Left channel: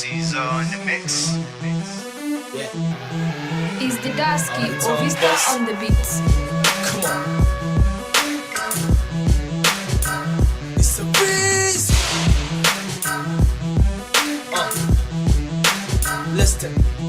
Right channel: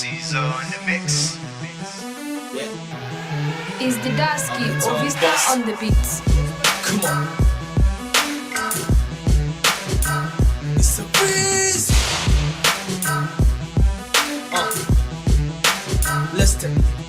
Caesar on the mix. Is the Dasky or Vista on the beats? Come on. It's a breeze.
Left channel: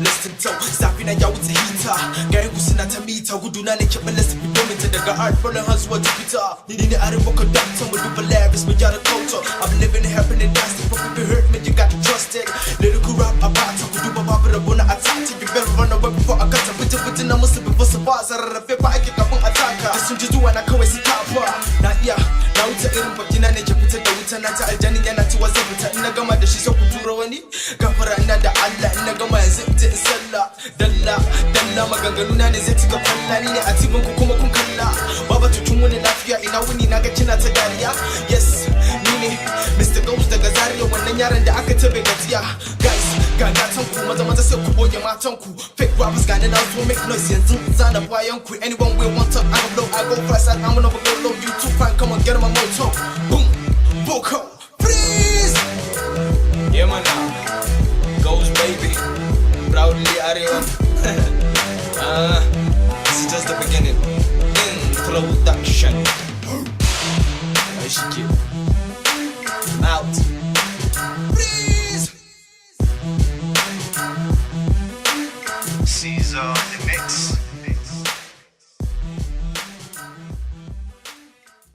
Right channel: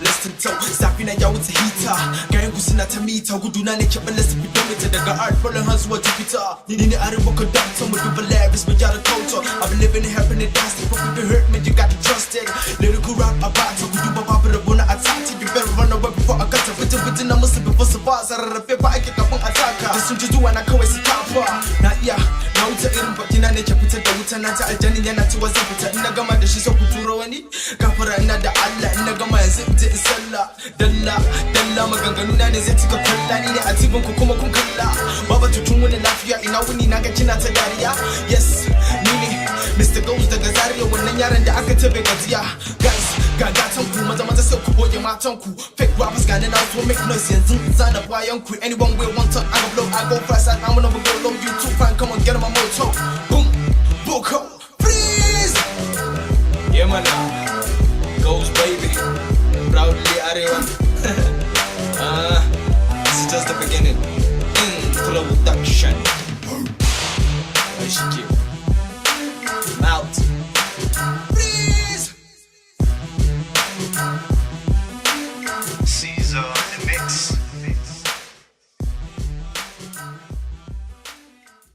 Listen to Safina ya wuce hita Gayen kusina ta mita Guduna ne keɓe lasa fidomita daga art Falling har zuwa Jupiter Ni ne arin baka doctor Mu duba lyrics mu gyara culture I've been living it, happening, dancing But if you hurt me, you gotta trust it Lyrical rap abata Guduba babu rabu na atata You better run away before I cut Fitin na musu before su ba Sararrafe ba ake kafin ataka Da sun ji zuwa na kawai su tafa Na iya Na wuce irin bakina ne ke fitar da wuta Na ta aljanin yana ciwa zan fita Ina gama da shi sai ku turo wani Gafara ina da Allah Ina gama yanzu in je in sallah Dalla maganganu na ne zai cika kwalla Ni ne a tibin ku kuma kun kalla Baba tutun wani lafiya ina wuni na ga kina ta dariya Yes, ni ne Mr. Ghost daga Zaria Wannan yaran da aka tabe gajiya Guys, ga gatan ku maza sai ku boye matan ku Fake rappers gane na so make noise yanzu zana bayan ku Anyone will want talk, I go blow, I go fast I'm gonna go low, you too